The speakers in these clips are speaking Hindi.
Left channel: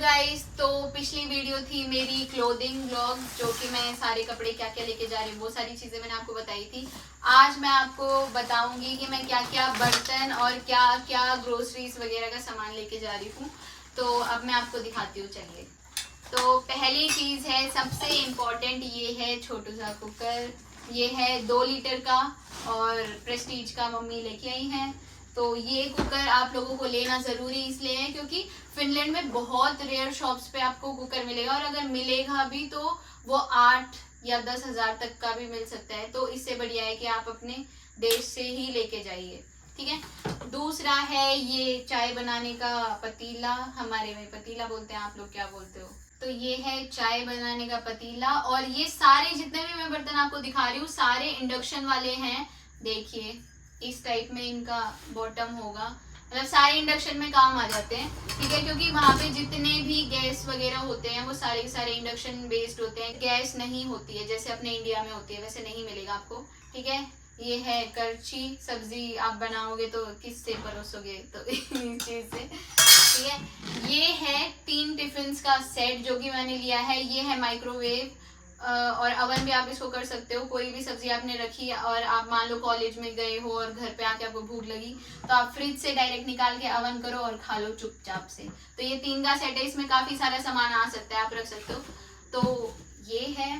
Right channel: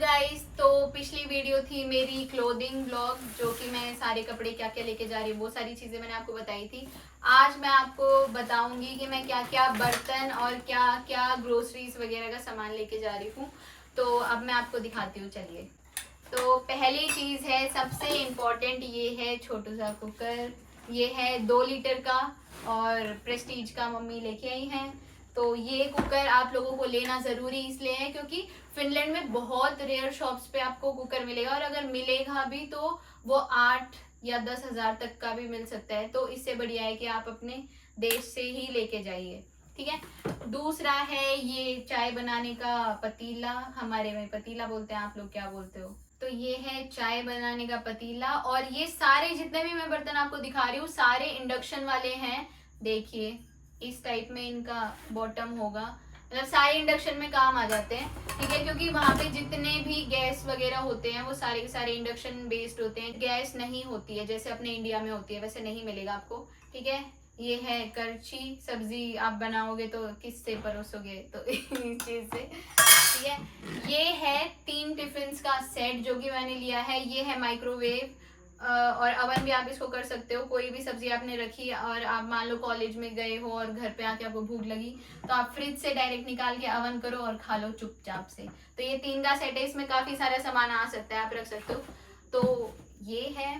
गाइस, तो पिछली वीडियो थी मेरी क्लोथिंग ब्लॉग, जो कि मैं सारे कपड़े क्या क्या लेके जा रही हूँ, वो सारी चीजें मैंने आपको बताई थी। आज मैं आपको बताऊंगी कि मैं क्या क्या बर्तन और क्या क्या ग्रोसरीज वगैरह का सामान लेके जा रही हूँ। तो अब मैं आपको दिखाती हूँ, चलिए। तो पहली चीज है, सबसे इम्पोर्टेंट, ये है छोटू सा कुकर। ये है 2 लीटर का और प्रेस्टीज का मम्मी लेके आई हैं। तो ये कुकर आप लोगों को लेना ज़रूरी इसलिए है क्योंकि फिनलैंड में बहुत रेयर शॉप्स पे आपको कुकर मिलेगा, और अगर मिलेगा भी तो वो 8 या 10 हज़ार तक का भी मिल सकता है। तो इससे बढ़िया है कि आप अपने देश से ही लेके जाइए, ठीक है। दूसरा है ये चाय बनाने का पतीला, हमारे में पतीला बोलते हैं, आप लोग क्या बोलते हो। तो ये है चाय बनाने का पतीला, और ये सारे जितने भी मैं बर्तन आपको दिखा रही हूँ सारे इंडक्शन वाले हैं। देखिए इस टाइप में इनका बॉटम होगा, मतलब सारे इंडक्शन में काम आ जाते हैं, ठीक है। क्योंकि वहाँ पे जितने भी गैस वगैरह होते हैं वो सारे के सारे इंडक्शन बेस्ड होते हैं। गैस नहीं होती है जैसे अपने इंडिया में होती है, वैसे नहीं मिलेगा आपको, ठीक है। ये है करछी, सब्जी आप बनाओगे तो किससे परोसोगे, तो इस चीज से, ठीक है। ये है 3 टिफिन का सेट जो कि मैंने लिया है। ये है माइक्रोवेव और अवन भी आप इसको कर सकते हो। कोई भी सब्जी आपने रखी और आप मान लो कॉलेज में गए हो और घर पे आके आपको भूख लगी, तो आप फ्रिज से डायरेक्ट निकाल के अवन करो और खा लो चुपचाप से। तो ये 3 का सेट है, इसमें काफी सारा सामान आ सकता है, आप रख सकते हो। तो ये है,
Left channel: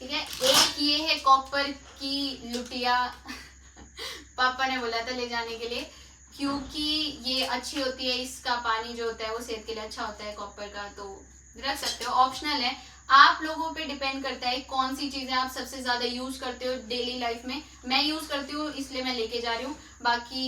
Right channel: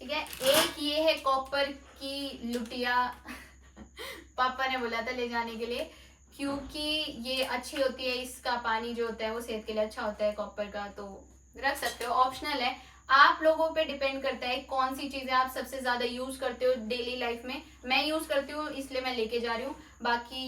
ठीक है। एक ये है कॉपर की लुटिया पापा ने बोला था ले जाने के लिए, क्योंकि ये अच्छी होती है, इसका पानी जो होता है वो सेहत के लिए अच्छा होता है कॉपर का। तो रख सकते हो, ऑप्शनल है, आप लोगों पे डिपेंड करता है कौन सी चीजें आप सबसे ज्यादा यूज करते हो डेली लाइफ में। मैं यूज करती हूँ इसलिए मैं लेके जा रही हूँ। बाकी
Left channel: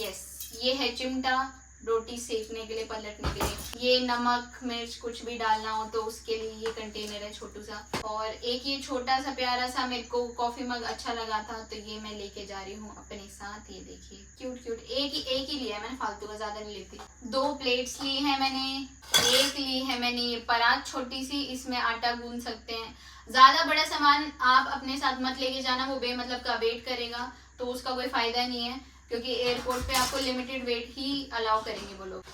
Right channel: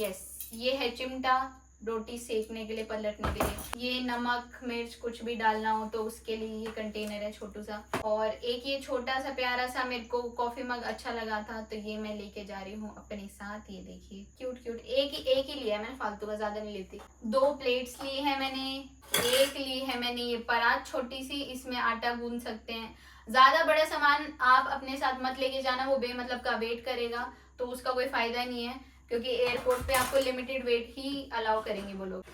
यस, ये है चिमटा, रोटी सेकने के लिए, पलटने के लिए। ये नमक मिर्च कुछ भी डालना हो तो उसके लिए ये कंटेनर है छोटू सा। और एक ये छोटा सा प्यारा सा मेरे को कॉफी मग अच्छा लगा था, तो ये मैं लेके जा रही हूँ अपने साथ। ये देखिए क्यूट क्यूट, एक ही लिया है मैंने, फालतू का ज्यादा नहीं लेती। 2 प्लेट्स ली है मैंने। एक ली है मैंने ये परात छोटी सी, इसमें आटा गूंद सकते हैं। ज्यादा बड़ा सामान आप अपने साथ मत लेके जाना, वो बेमतलब का वेट करेगा, तो उसका कोई फायदा नहीं है, क्योंकि एयरपोर्ट पे आपको लिमिटेड वेट ही अलाउ करेंगे वो लोग।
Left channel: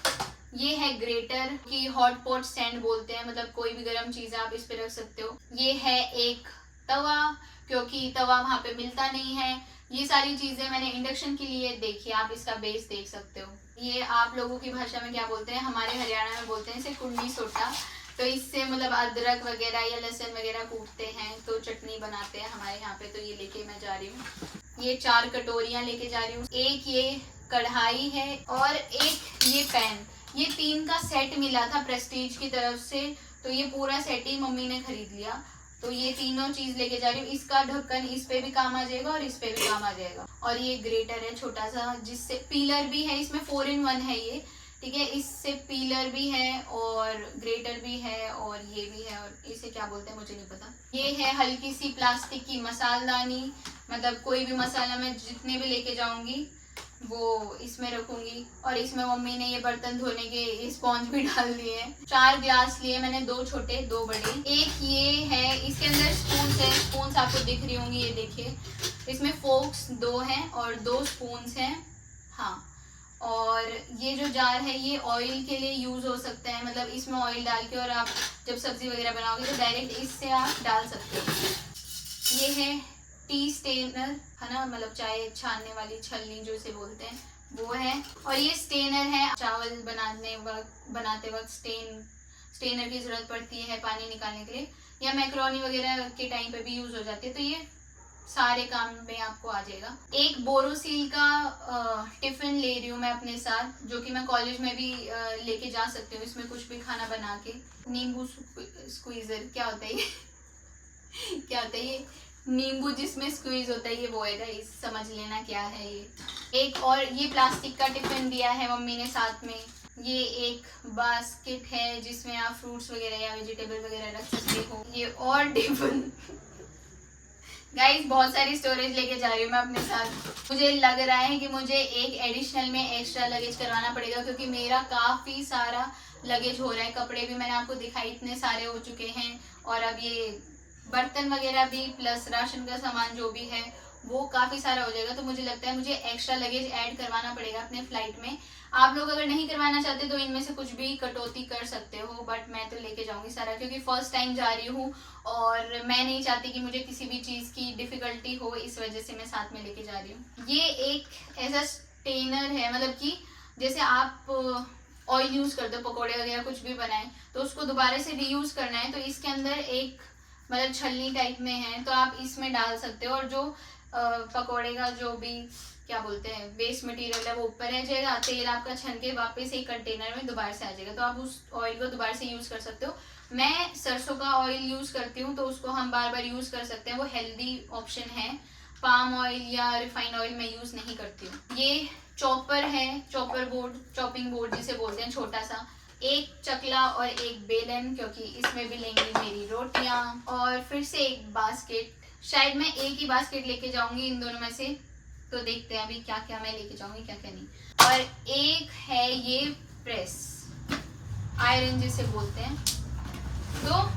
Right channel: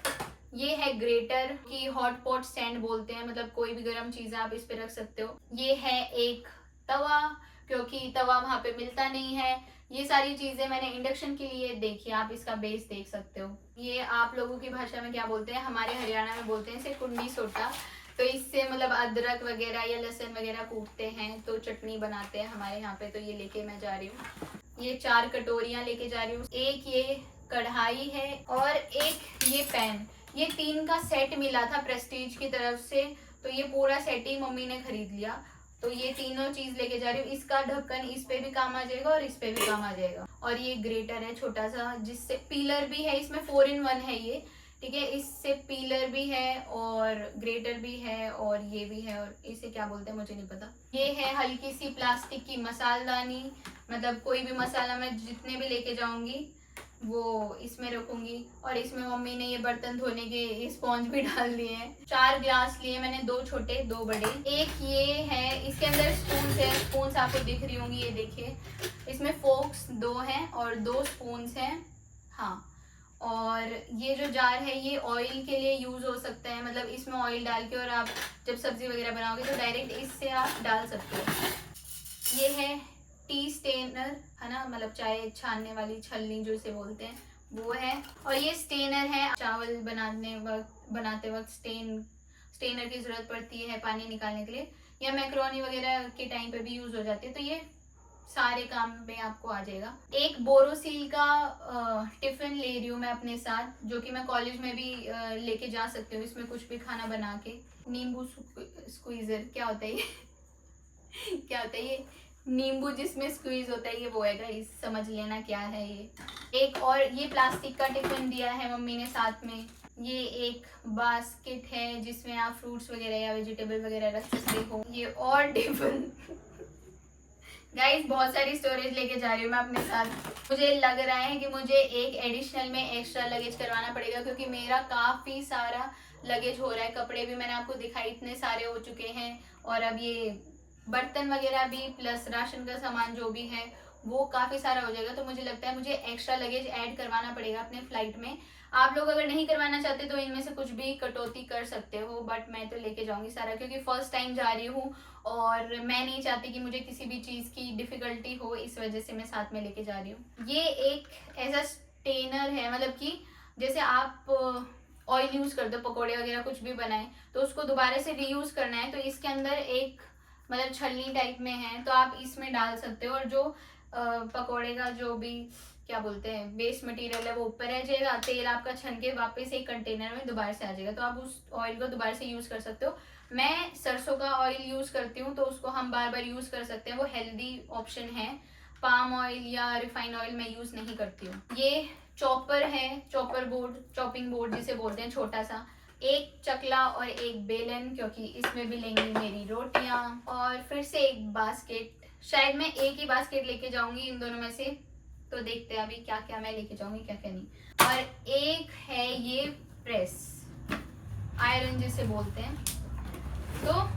ये है ग्रेटर की हॉट पॉट स्टैंड बोलते हैं, मतलब कोई भी गर्म चीज आप इस पे रख सकते हो। ये है एक तवा, क्योंकि तवा वहां पे मिलता नहीं है। ये सारी चीजें मैंने इंडक्शन के लिए देखी, आप इसका बेस देख सकते हो। ये आप लोगों की भाषा में क्या बोलते हैं, हमारे हरियाणा में बोलते हैं इसे कुंडी सोटा। तो इससे मतलब अदरक वगैरह या लहसुन वगैरह कूटते हैं तो चटनी बनाते हैं हमारे यहाँ पे। तो ये लेके मैं जा रही हूँ। ये 4 कटोरियां लेके जा रही हूँ। एक ये कढ़ाई है और एक ये पैन। ये 3 का सेट मिला था प्रेस्टीज की तरफ से, तो ये पूरा सेट ही मम्मी ने खरीद लिया। तो ये तीनों चीज लेके जा रही हूँ। इसका ढक्कन इस पे भी काम आ जाएगा और इस पे भी काम आ जाएगा। और ये ग्रेटर है छोटा सा, जिससे पीलर भी है, इसमें 4 in 1 है ये, ठीक है। इससे पीलर भी है और ग्रेटर भी है और ये भी है, और इसे क्या बोलते हैं मुझे नहीं पता। ये है हल्की सी प्लास्टिक की मसालदानी, मतलब कोई भी मसाला मैं जितने भी लेके जाऊंगी वो इसमें रखूंगी। और इसमें मम्मी ने ये बर्तन धोने के स्पॉन्ज भी डाल दिए हैं। 4 ग्लास लिए मैंने, 2 छोटे 2 बड़े। एक ये है, इसके अंदर स्पून है, स्पून आपको दिख रही होंगी, ये देखिए। इसमें फोक्स 2 हैं और 2 स्पून हैं, हाँ। और ये जो जार है ये ऑयल के लिए यूज हो सकता है, मतलब इसमें ऑयल डाल के और आप जब सब्जी वगैरह बनाओगे तो डायरेक्ट इससे आप डाल सकते हो। ये है टी स्टेनर, है ना, मतलब चाय छानने वाली छलनी जो इसे बोलते हैं, वो है। और ये स्टेनर है, चावल बनाते वक्त स्टेनर की जरूरत पड़ती है पानी निकालने के लिए, या मैक्रोनी वगैरह के टाइम पे भी यूज हो जाती है। तो ये सारे काम में आपको आ जाएगा। एक बोरोसिल का टिफिन ले रही हूँ मैं अपने साथ, जो कि मैं कॉलेज में भी लेके जा सकती हूँ। इसमें कुछ भी खाना बना के। नींबू स्क्वीजर क्या होता है ये क्या होता है ये नींबू जिसमें स्क्वीज होता है, ये वो है गाइस, समझ लेना क्या है ये। एक और ये प्लास्टिक का टिफिन दिया है मम्मी ने साथ में। ये एक बास्केट है जिसमें आप फ्रूट्स वगैरह या वेजिटेबल वगैरह रख सकते हो। ये और टिफिन गाइस, बहुत सारी स्टोरेज लेके जा रही हूँ मैं अपने साथ। मुझे लग रहा है कि मुझे एक एडिशनल में एक्स्ट्रा लगेज करवाना पड़ेगा, क्योंकि मेरा काफी सारा लगेज हो रहा है। कपड़े भी मैंने आपको दिखाई, इतने सारे हो चुके हैं, और अब ये बर्तन वगैरह भी, प्लस राशन का सामान जो भी है वो काफ़ी सारा हो जाएगा। तो मुझे लगता है मुझे एक्स्ट्रा लगेज ऐड करवाना पड़ेगा अपने फ्लाइट में। आप लोग अगर नहीं करवाना चाहते तो इनमें से कुछ भी कटौती कर सकते हो, बट मैं तो लेके जाऊंगी सारा, क्योंकि फर्स्ट टाइम जा रही हूँ और मैं नहीं चाहती कि मुझे किसी भी चीज़ की डिफ़िकल्टी हो, इस वजह से मैं साथ में लेके जा रही हूँ। ये एक ऐसा स्टेनर है, मतलब कि जैसे आप ऑयल यूज़ करते हो, पकौड़े वगैरह कुछ भी बनाए तो उसको दोबारा से रीयूज़ करना है, तो इसके अंदर एक मतलब छलनी टाइप में है, तो आप इसमें डाल सकते हो और जो पकौड़े का जो भी क्या बोलते हैं वेस्ट मटेरियल है वो ऊपर रह जाएगा, तेल आपका छन के वापस एक कंटेनर में दोबारा से आ जाएगा, तो आप उस ऑयल को दोबारा से यूज़ कर सकते हो। मैं सरसों का ऑयल यूज़ करती हूँ, तो उसको हम बार बार यूज़ कर सकते हैं, वो हेल्दी ऑप्शन है। पाम ऑयल या रिफाइंड ऑयल मैं यूज़ नहीं करती हूँ। ये चॉपर है, चॉपर बोर्ड, चॉपिंग बोर्ड जिसे बोलते हैं, छोटा सा, एक चकला और एक बेलन, क्योंकि इसमें भी लेंगी मेरी रोटियां, और फिर से एक बास्केट। शायद मैं एक ही बास्केट लेके जाऊंगी इन दोनों में से, तो देखते हैं अभी क्या क्या मैं लेके जाऊंगी क्या क्या नहीं। और एक है ये प्रेस, आयरन जिसे बोलते हैं, तो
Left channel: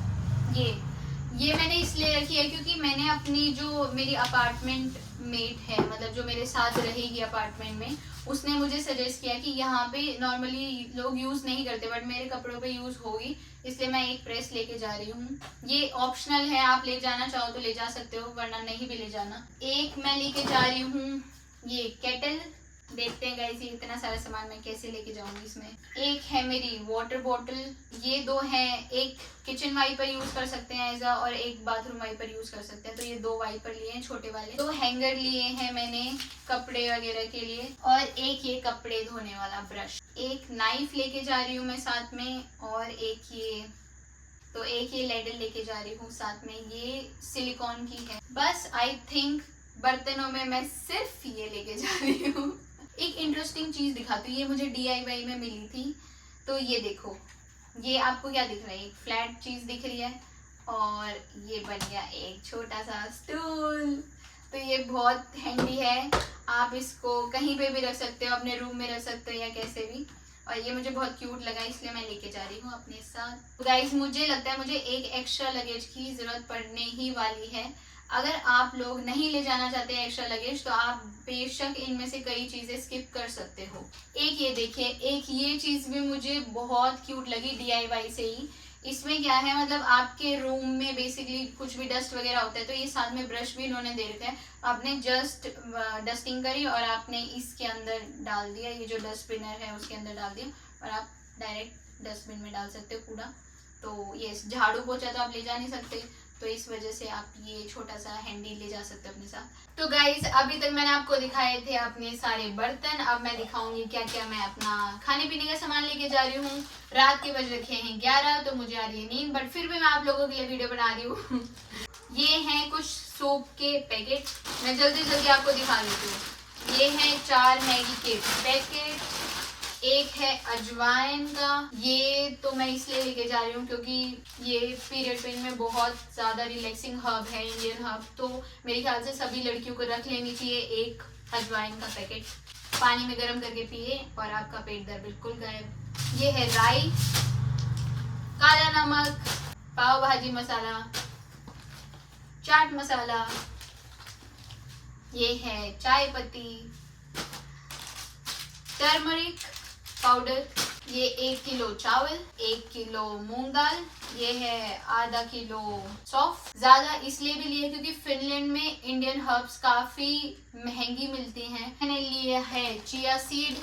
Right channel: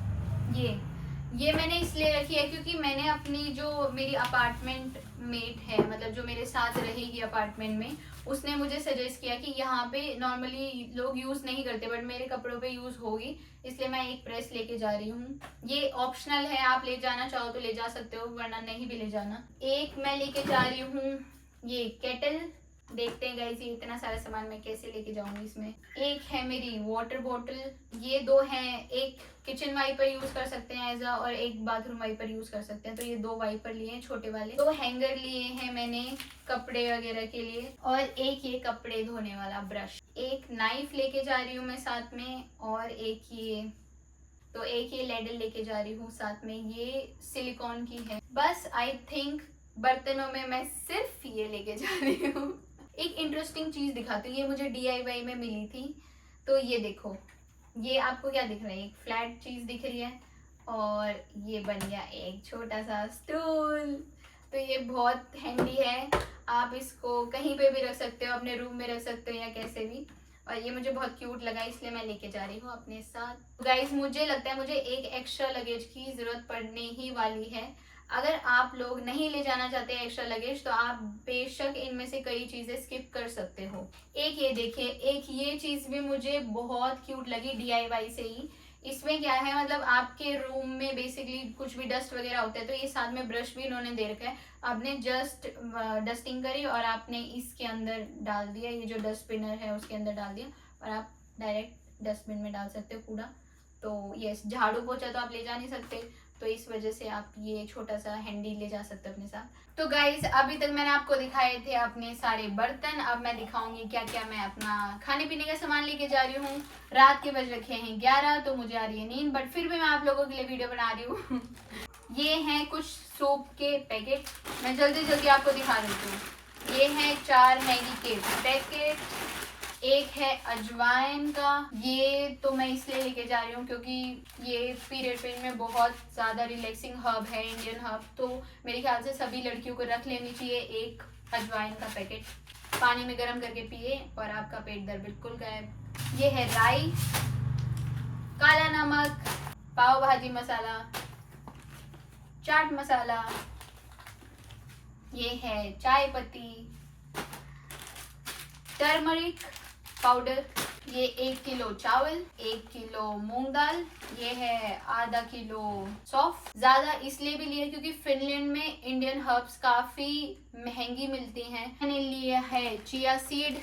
ये मैंने इसलिए रखी है क्योंकि मैंने अपनी जो मेरी अपार्टमेंट मेट है, मतलब जो मेरे साथ रहेगी अपार्टमेंट में, उसने मुझे सजेस्ट किया कि यहाँ पे नॉर्मली लोग यूज़ नहीं करते बट मेरे कपड़ों पे यूज़ होगी, इसलिए मैं एक प्रेस लेके जा रही हूँ। ये ऑप्शनल है, आप ले जाना चाहो तो ले जा सकते हो, वरना नहीं भी ले जाना। एक मैं लेके जा रही हूँ ये केटल, देखते हैं गाइस ये इतना सारा सामान मैं कैसे लेके जाऊंगी इसमें। एक है मेरी वाटर बॉटल, ये दो हैं, एक किचन वाइपर यूज कर सकते हैं एज और एक बाथरूम वाइपर यूज कर सकते हैं, तो ये दो वाइपर लिए हैं छोटे वाले। दो हैंगर लिए हैं मैंने कपड़े वगैरह के लिए, और एक ये कपड़े धोने वाला ब्रश। एक नाइफ लेके जा रही हूँ मैं साथ में, और एक ये लेडल लेके जा रही हूँ साथ में, ये सिलिकॉन की है। बस आई थिंक बर्तनों में मैं सिर्फ ये लेके जा रही हूँ। एक इंटरेस्टिंग चीज दिखाती हूँ, ये मुझे DIY में मिली थी, तो ये देखो, ये आपको क्या दिख रहा है, एक फ्लैट चीज दिख रही है, और ये बन गया एक छोटा सा स्टूल। तो ये बहुत हैंडी है, आप इसको कहीं पे भी रख सकते हो, अपने रूम में रख सकते हो या कैसे भी, और ये मुझे बहुत क्यूट लगा इसलिए मैं लेके जा रही हूँ अपने साथ। गाइस मुझे लगता है मुझे एक एक्स्ट्रा लगेज की जरूरत पड़ने ही वाली है। अगर आप लोग नहीं ले जाना चाहते हैं एक्स्ट्रा लगेज, तो आप बेशक इनमें से कई चीजें स्किप कर सकते हो। एक ये देखिए, एक ये चीज भी मुझे बहुत क्यूट लगी DIY से ही। इसमें क्या है, मतलब आपके रूम में बेसिकली कुछ भी डस्ट वगैरह होता है, तो ये साथ में ब्रश भी इन्होंने दे रखा है, आपने जस्ट डस्टिंग करी और आपने इसके अंदर डाल दिया, ये जो डस्टबिनर है उसके अंदर डाल दिया, और आप डायरेक्ट डस्टबिन में डाल सकते हो कूड़ा। तो ये झाड़ू पोछा तो आप ले जा नहीं सकते, तो इस वजह से आप ये छोटा सा हैंडी ले जा सकते हो अपने साथ। तो गाइस अभी तक मैंने आपको दिखाए थे अपने सारे बर्तन, अब मैं दिखाऊंगी क्या क्या मैं अपना खाने पीने का सामान लेके जा रही हूँ। रात के बज रखे हैं 11, तो मुझे आ रही है नींद, बट फिर भी मैं आप लोगों के लिए वीडियो बना रही हूँ। ये हैं कुछ सोप के पैकेट, मैं जल्दी जल्दी आपको दिखा देती हूँ। ये हैं 4 मैगी के पैकेट, एक है अजवाइन का, ये तो मैं इसलिए लेके जा रही हूँ क्योंकि ये पीरियड पेन में बहुत ज़्यादा रिलैक्सिंग हर्ब है, इंडियन हर्ब, तो मेरे ख्याल से सभी लड़कियों को रख लेनी चाहिए एक अजवाइन का पैकेट। पानी में गर्म करके पिए और आपका पेट दर्द बिल्कुल गायब। ये है राई, काला नमक, पाव भाजी मसाला, चाट मसाला, ये है चाय पत्ती, टर्मरिक पाउडर, ये 1 किलो चावल, 1 किलो मूंग दाल, ये है आधा किलो सौंफ। ज्यादा इसलिए भी लिए क्योंकि फिनलैंड में इंडियन हर्ब्स काफी महंगी मिलती हैं। मैंने लिया है चिया सीड,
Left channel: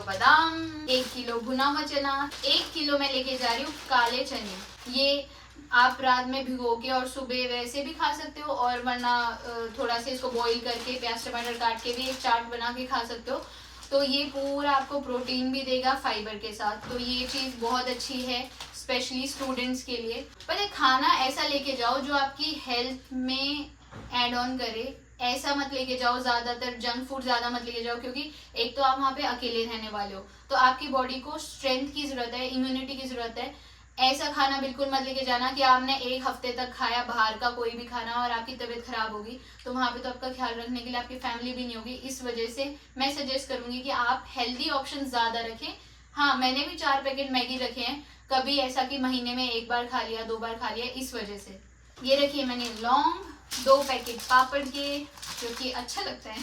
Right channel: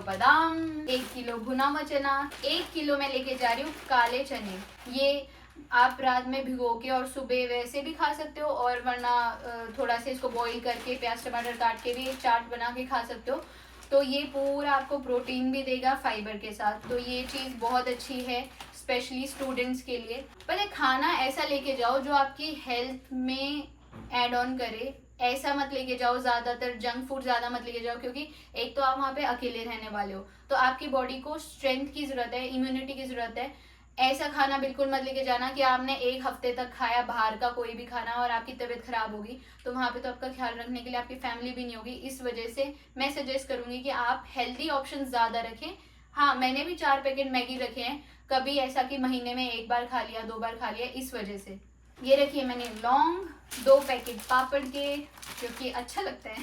बादाम, 1 किलो भुना हुआ चना, 1 किलो मैं लेके जा रही हूँ काले चने। ये आप रात में भिगो के और सुबह वैसे भी खा सकते हो, और वरना थोड़ा सा इसको बॉईल करके प्याज टमाटर काट के भी एक चाट बना के खा सकते हो। तो ये पूरा आपको प्रोटीन भी देगा फाइबर के साथ, तो ये चीज़ बहुत अच्छी है स्पेशली स्टूडेंट्स के लिए। पहले खाना ऐसा लेके जाओ जो आपकी हेल्थ में ऐड ऑन करे, ऐसा मत लेके जाओ, ज़्यादातर जंक फूड ज़्यादा मत लेके जाओ, क्योंकि एक तो आप वहाँ पे अकेले रहने वाले हो, तो आपकी बॉडी को स्ट्रेंथ की ज़रूरत है, इम्यूनिटी की ज़रूरत है। ऐसा खाना बिल्कुल मत लेके जाना कि आपने 1 हफ्ते तक खाया बाहर का कोई भी खाना और आपकी तबीयत खराब होगी, तो वहाँ पे तो आपका ख्याल रखने के लिए आपकी फैमिली भी नहीं होगी। इस वजह से मैं सजेस्ट करूंगी कि आप हेल्दी ऑप्शन ज़्यादा रखें। हाँ, मैंने भी 4 पैकेट मैगी रखे हैं, कभी ऐसा कि महीने में 1 बार खा लिया, 2 बार खा लिया, इस वजह से। ये रखिए मैंने लौंग, 2 पैकेट पापड़ के, जो कि अच्छा लगता है।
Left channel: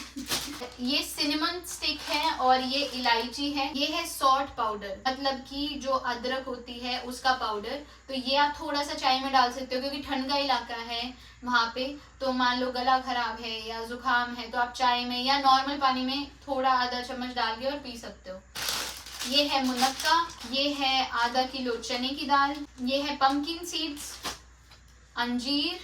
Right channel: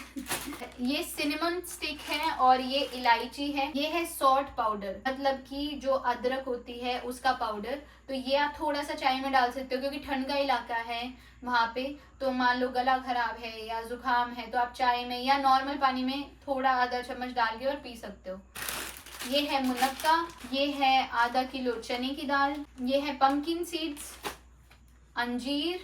ये सिनेमन स्टिक है और ये इलायची है। ये है सॉल्ट पाउडर, मतलब कि जो अदरक होती है उसका पाउडर। तो ये आप थोड़ा सा चाय में डाल सकते हो, क्योंकि ठंड का इलाका है वहाँ पे। तो मान लो गला खराब है या जुकाम है तो आप चाय में या नॉर्मल पानी में थोड़ा आधा चम्मच डाल के और पी सकते हो। ये है मुनक्का, ये है आधा किलो चने की दाल, ये है पंपकिन सीड्स, अंजीर,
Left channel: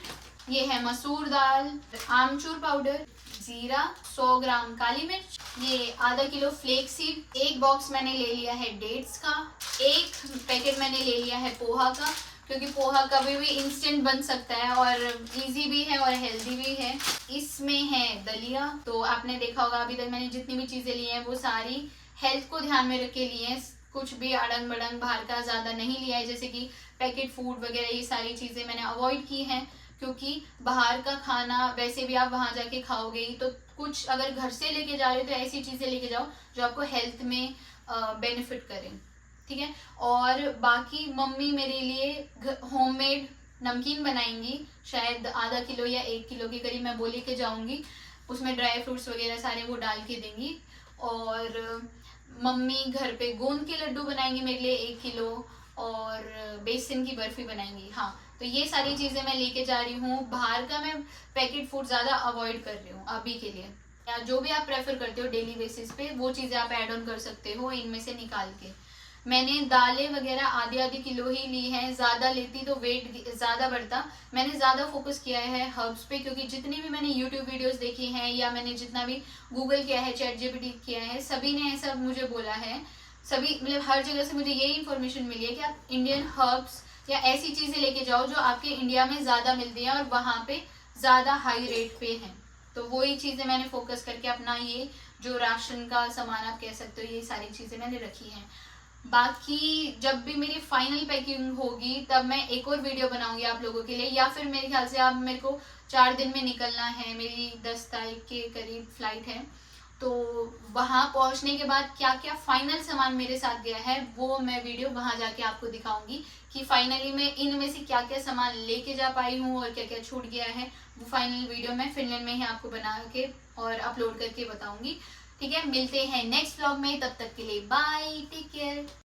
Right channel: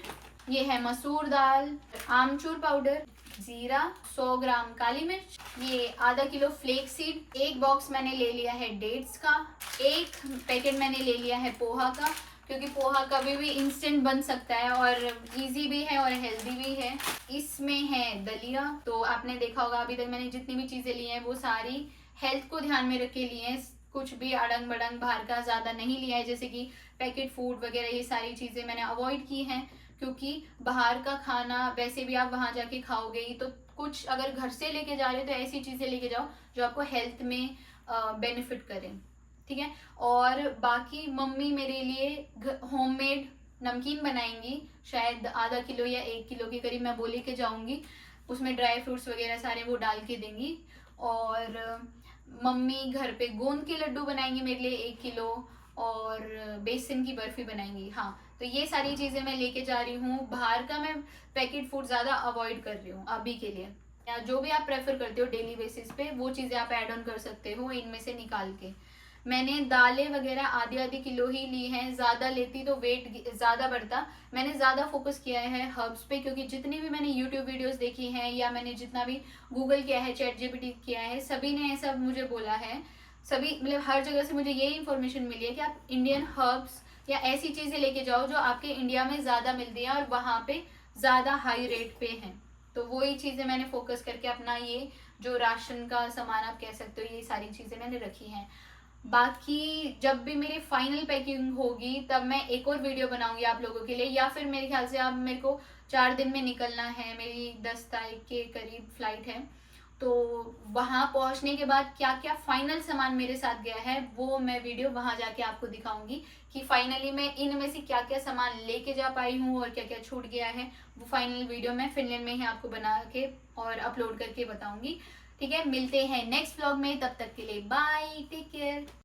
ये है मसूर दाल, आमचूर पाउडर, जीरा, 100 ग्राम काली मिर्च, ये आधा किलो फ्लेक्स सीड, एक बॉक्स मैंने ले लिया है डेट्स का, एक पैकेट मैंने ले लिया है पोहा का, क्योंकि पोहा कभी भी इंस्टेंट बन सकता है और इजी भी है और हेल्दी भी है। इसमें है दलिया। तो आपने देखा होगा अभी तक मैंने जितनी भी चीज़ें ली हैं वो सारी हेल्थ को ध्यान में रख के लिए हैं, कुछ भी अड़ंग बड़ंग बाहर का ज़्यादा नहीं लिया है, जैसे कि पैकेट फूड वगैरह। ये सारी चीज़ें मैंने अवॉइड की हैं, क्योंकि बाहर का खाना वैसे भी आप वहाँ जाके खाओगे ही, तो कुछ अगर घर से लेके जा रहे हो तो ऐसी चीज़ें लेके जाओ जो आपको हेल्थ में बेनिफिट करें, ठीक है। और बाकी मम्मी मेरे लिए होममेड नमकीन बनाएंगी, शायद आधा किलो या 1 किलो के करीब मैं वो लेके जाऊंगी। उसमें ड्राई फ्रूट्स वगैरह सारे वो डाल के देंगी। और मम्मी घर पे गोंद के लड्डू बनाएंगी मेरे लिए 1 किलो, और बेसन की बर्फी बनाएंगी। हाँ, तो ये सारी चीज़ें मैं लेके जा रही हूँ। बाहर का मैं पैकेट फूड ज़्यादा अवॉइड कर रही हूँ अभी के लिए। या जो भी आप प्रेफर करते हो डेली बेसिस पे वो चीज़ें आप ऐड ऑन कर सकते हो इनमें से निकाल के। मैंने दालें वगैरह आधी आधी किलो ही ली हैं, ज़्यादा लेती तो वेट ज़्यादा बढ़ता। मैंने ज़्यादा फोकस किया है हर्ब्स पे, क्योंकि जितनी भी मैंने यूट्यूब वीडियोस देखी हैं या मैंने जितना भी गूगल किया है, चैट जीपीटी किया है, सभी ने ऐसा मुझे बोला है। सभी मतलब हर जगह से मुझे यही इन्फॉर्मेशन मिली है कि आप इंडियन हर्ब्स या ऐसी चीज़ें लेके जाओ जो आपके इंडिया में ज़्यादा मिलती हैं और वहाँ पे ज़्यादा हाई रेट पे हैं। तो वही चीज़ें मैंने फोकस करके अपना ये जो राशन का सामान आप कह सकते हो, ये सारी चीज़ें मैंने रखी हैं। बाकी जब भी मेरी फाइनल पैकिंग होगी तब मैं एक और वीडियो बनाऊंगी आप लोगों के लिए, या फिर मेरे ख्याल से आप मेरे को 4 दिन में निकलना है, मेरी 10 तारीख के करीब फ्लाइट है। तो वहाँ पहुँचने के बाद क्या क्या फाइनल सामान मेरे साथ गया है वो मैं वीडियो वहाँ जाके आपको दिखाऊंगी कि फाइनली मैं इनमें से क्या क्या सामान लेके जा पाई हूँ और क्या क्या छूट गया है। वो फाइनल वीडियो मैं फिनलैंड में ही आपको बना के और अपलोड करके बताऊंगी, ठीक है। मिलते हैं नेक्स्ट व्लॉग में, तब तक के लिए बाय, टेक केयर।